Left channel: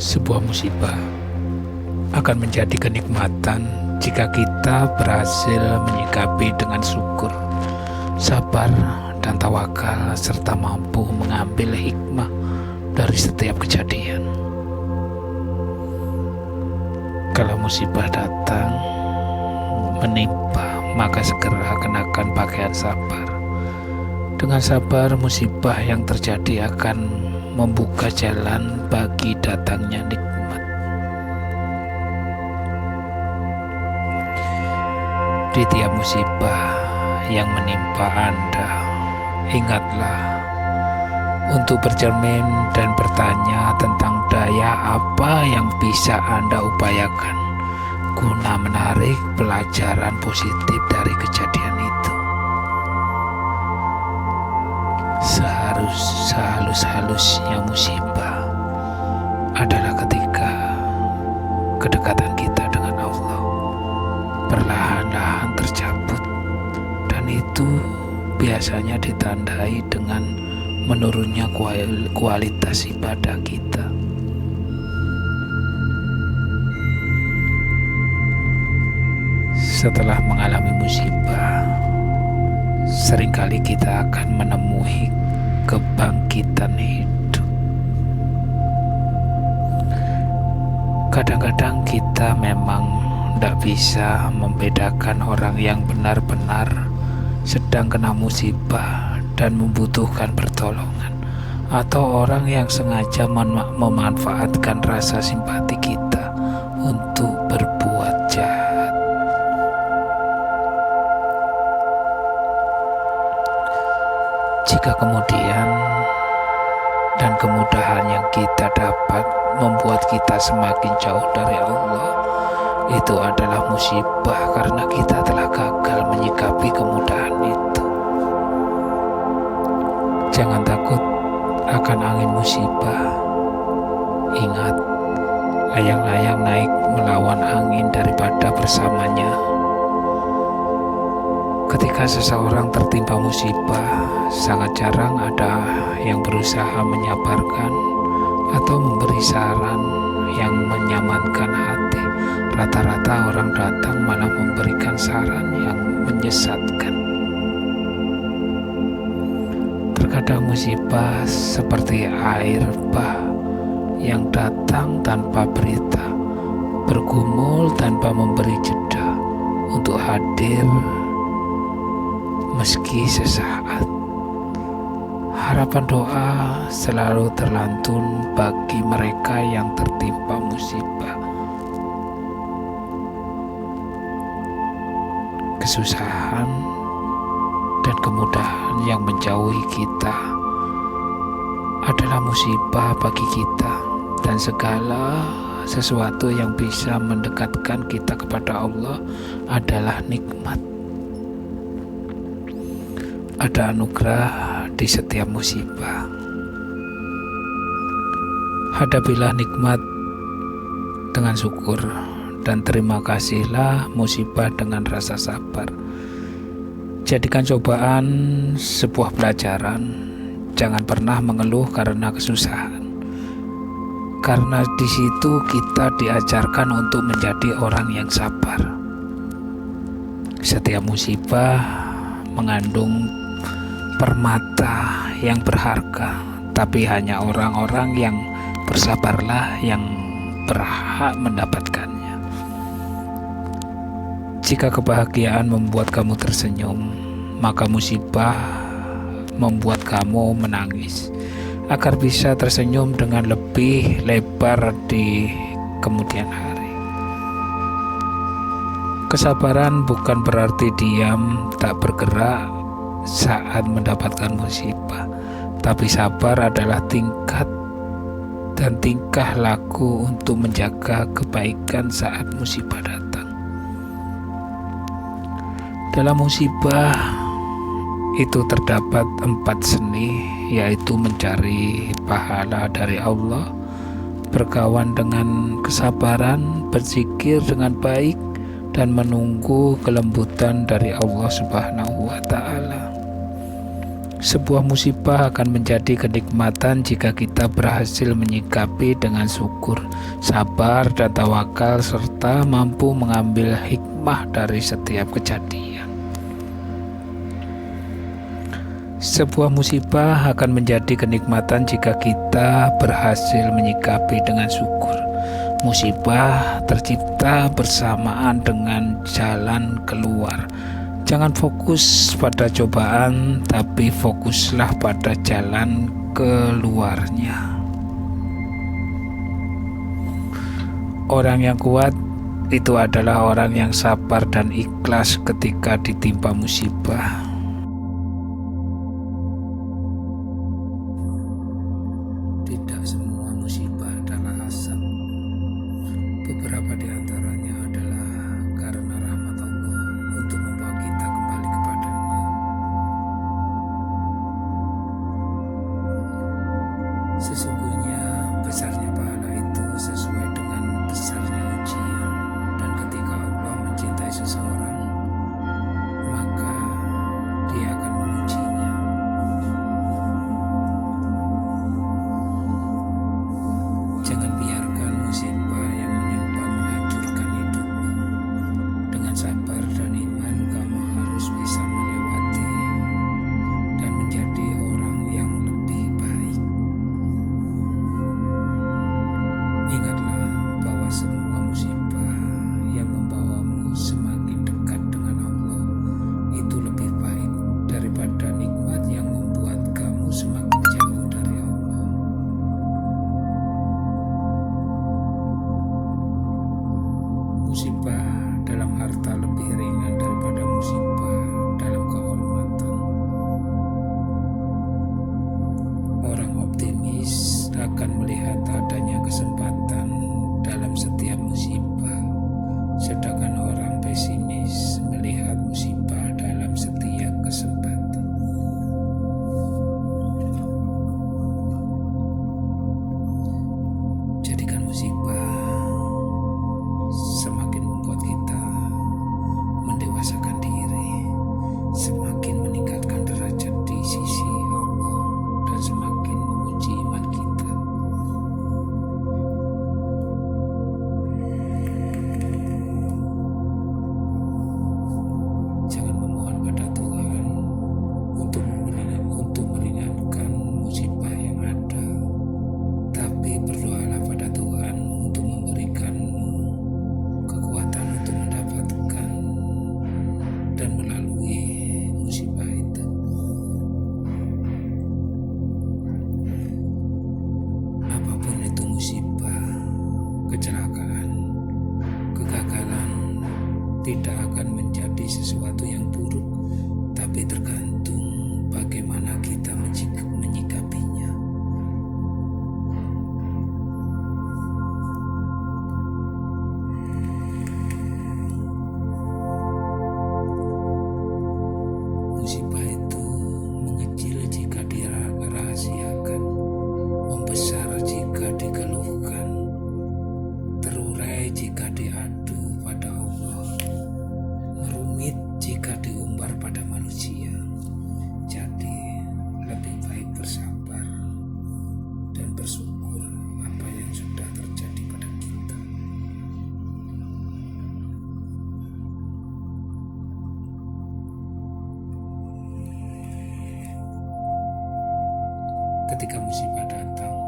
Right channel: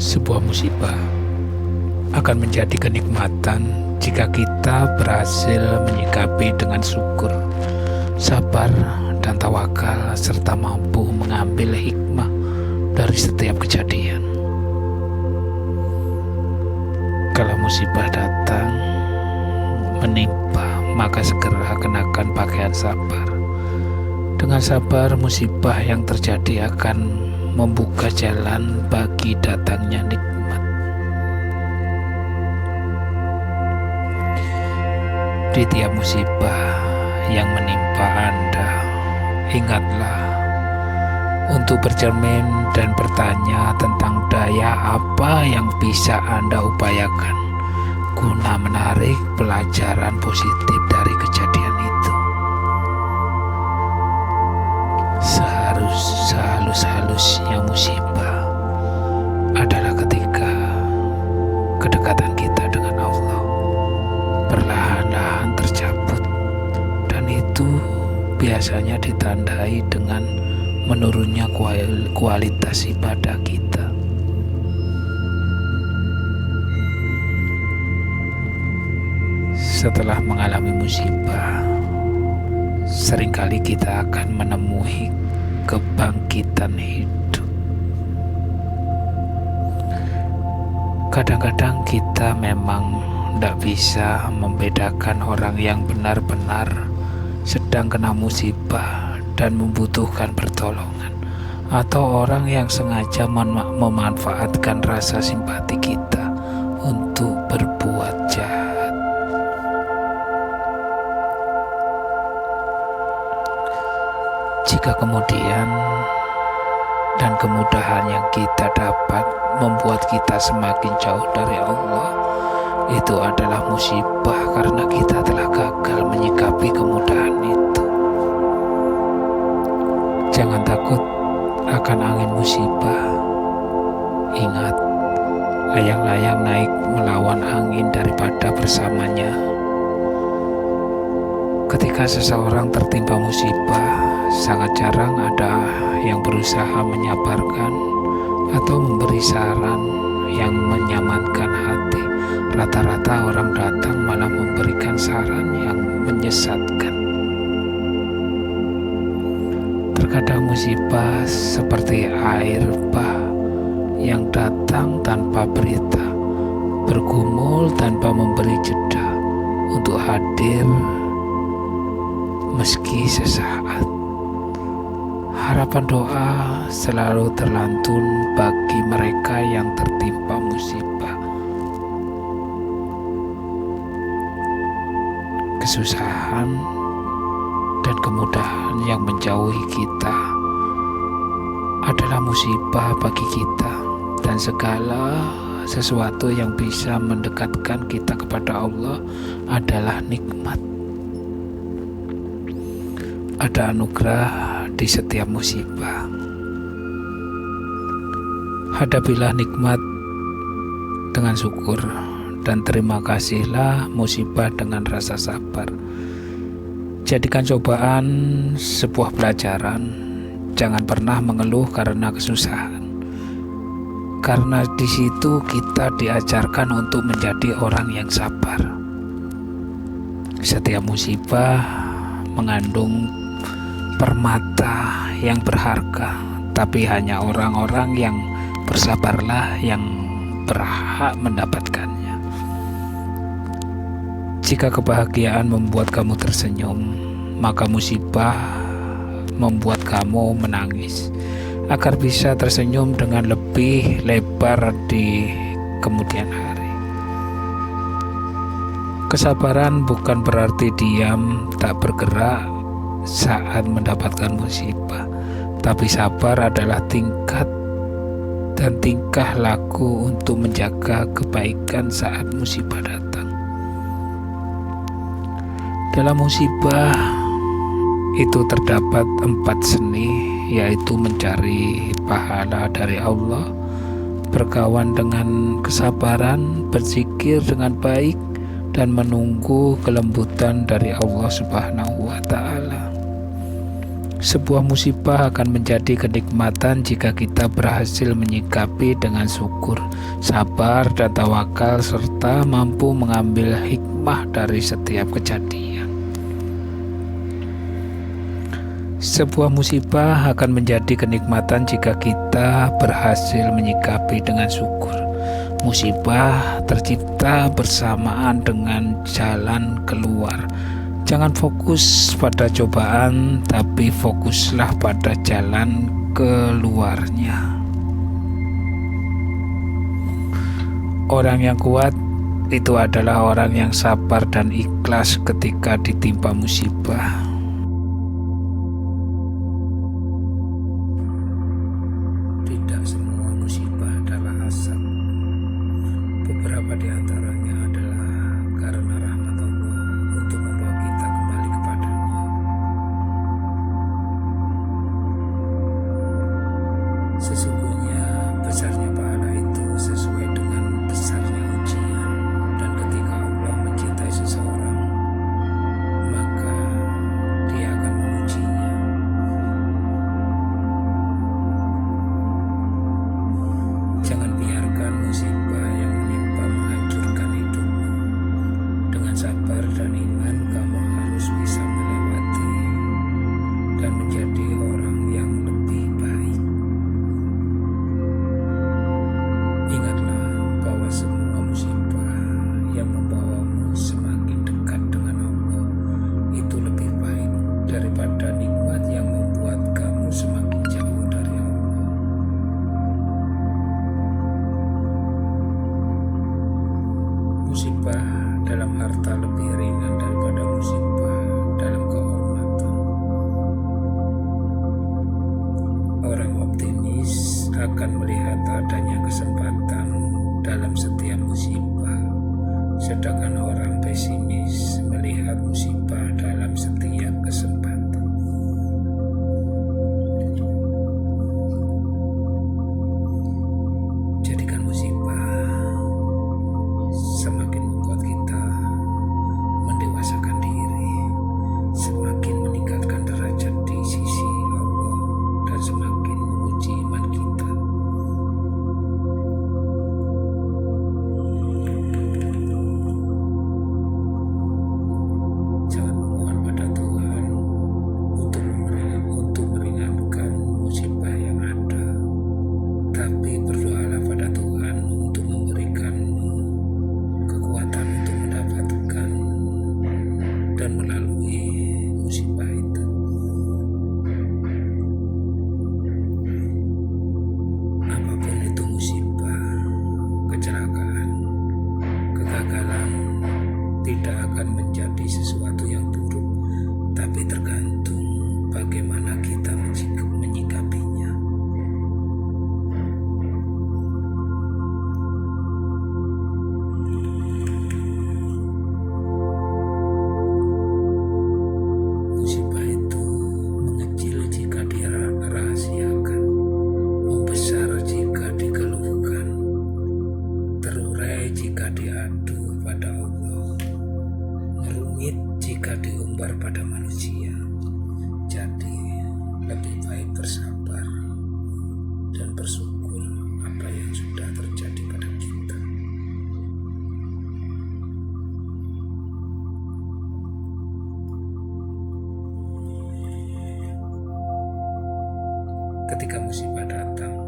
Sebuah musibah akan menjadi kenikmatan jika kita berhasil menyikapi dengan syukur, sabar, dan tawakal, serta mampu mengambil hikmah dari setiap kejadian. Kalau musibah datang menimpa, maka segera kenakan pakaian sabar. Dengan sabar, musibah yang terjadi akan membuka jalan bagi datangnya nikmat. Di tiap musibah yang menimpa Anda, ingatlah untuk bercermin dan bertanya tentang daya apa yang bisa Anda upayakan guna menarik pelajaran positif dari kejadian itu. Sehalus-halusnya musibah adalah ketika kedekatan kita dengan Allah perlahan-lahan tercabut, dan itu biasanya ditandai dengan menurunnya kualitas ibadah kita. Setelah mengalami musibah, seringkali kita akan menemui kebangkitan hidup. Kadang-kadang kita memang tidak bisa membedakan orang yang benar-benar sedang kena musibah dan membutuhkan pertolongan, atau orang yang sengaja memanfaatkan rasa simpati kita untuk berbuat jahat. Jika kemudian dan kemudahan yang kita dapat membuat kita semakin jauh dari Allah, itu adalah musibah karena kita telah gagal menyikapi kemudahan itu. Jangan takut akan angin musibah. Ingat, layang-layang naik melawan angin daripada bersamanya. Ketika seseorang tertimpa musibah, sangat jarang ada yang berusaha menyabarkan atau memberi saran yang menyamankan hati. Rata-rata orang datang malah memberikan saran yang menyesatkan. Terkadang musibah seperti air bah yang datang tanpa berita, bergumul tanpa memberi jeda untuk hadir meski sesaat. Harapan doa selalu terlantun bagi mereka yang tertimpa musibah. Kesusahan dan kemudahan yang menjauhi kita adalah musibah bagi kita, dan segala sesuatu yang bisa mendekatkan kita kepada Allah adalah nikmat. Ada anugerah di setiap musibah. Hadapilah nikmat dengan syukur, dan terima kasihlah musibah dengan rasa sabar. Jadikan cobaan sebuah pelajaran. Jangan pernah mengeluh karena kesusahan, karena di situ kita diajarkan untuk menjadi orang yang sabar. Setiap musibah mengandung permata yang berharga, tapi hanya orang-orang yang bersabarlah yang berhak mendapatkannya. Jika kebahagiaan membuat kamu tersenyum, maka musibah membuat kamu menangis, agar bisa tersenyum dengan lebih lebar di kemudian hari. Kesabaran bukan berarti diam tak bergerak saat mendapatkan musibah, tapi sabar adalah tingkat dan tingkah laku untuk menjaga kebaikan saat musibah datang. Dalam musibah itu terdapat 4 seni, yaitu mencari pahala dari Allah, berkawan dengan kesabaran, berzikir dengan baik, dan menunggu kelembutan dari Allah Subhanahu wa Ta'ala. Sebuah musibah akan menjadi kenikmatan jika kita berhasil menyikapi dengan syukur, sabar, dan tawakal, serta mampu mengambil hikmah dari setiap kejadian. Sebuah musibah akan menjadi kenikmatan jika kita berhasil menyikapi dengan syukur. Musibah tercipta bersamaan dengan jalan keluar. Jangan fokus pada cobaan, tapi fokuslah pada jalan keluarnya. Orang yang kuat itu adalah orang yang sabar dan ikhlas ketika ditimpa musibah. Tidak semua musibah adalah asap. Beberapa di antaranya adalah karena rahmat Allah untuk membawa kita kembali kepadanya. Sesungguhnya besarnya pahala itu sesuai dengan besarnya ujian. Dan ketika Allah mencintai seseorang, maka Dia akan mengujinya. Jangan biarkan musibah yang menimpa menghancurkan hidupmu. Dengan sabar dan iman, kamu harus bisa melewati dan menjadi orang yang lebih baik. Ingatlah bahwa semua musibah yang membawamu semakin dekat dengan Allah itu lebih baik daripada nikmat yang membuat kamu semakin jauh dari Allah. Musibah dalam harta lebih ringan daripada musibah dalam kehormatan. Orang optimis akan melihat adanya kesempatan dalam setiap musibah, sedangkan orang pesimis melihat musibah dalam setiap kesempatan. Jadikan musibah semakin membuat kita mendewasakan diri, semakin meningkatkan derajat di sisi Allah, dan semakin menguji iman kita. Jangan memohon pada Tuhan untuk meringankan musibah yang ada, tapi berdoalah pada Tuhan untuk memberikanmu kekuatan untuk mendapatkan dan melalui musibah itu. Apapun itu musibah, kecelakaan, kegagalan tidak akan menjadi sesuatu yang buruk, tapi tergantung bagaimana kita menyikapinya. Musibah itu mengecil jika dirahasiakan, membesar jika dikeluhkan, terurai jika diadu pada Allah, rumit jika diumbar pada manusia. Jadi lebih baik bersabar dan bersyukur apa yang sudah terjadi pada kita. Ketika musibah datang,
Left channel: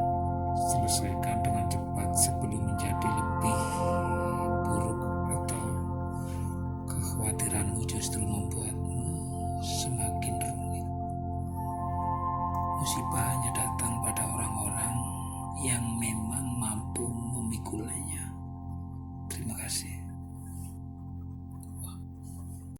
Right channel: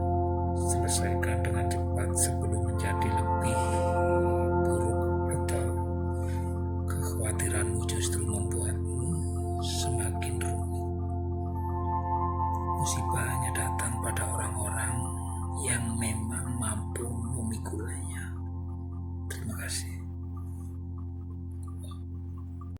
selesaikan dengan cepat sebelum menjadi lebih buruk atau kekhawatiranmu justru membuatmu semakin rumit. Musibah hanya datang pada orang-orang yang memang mampu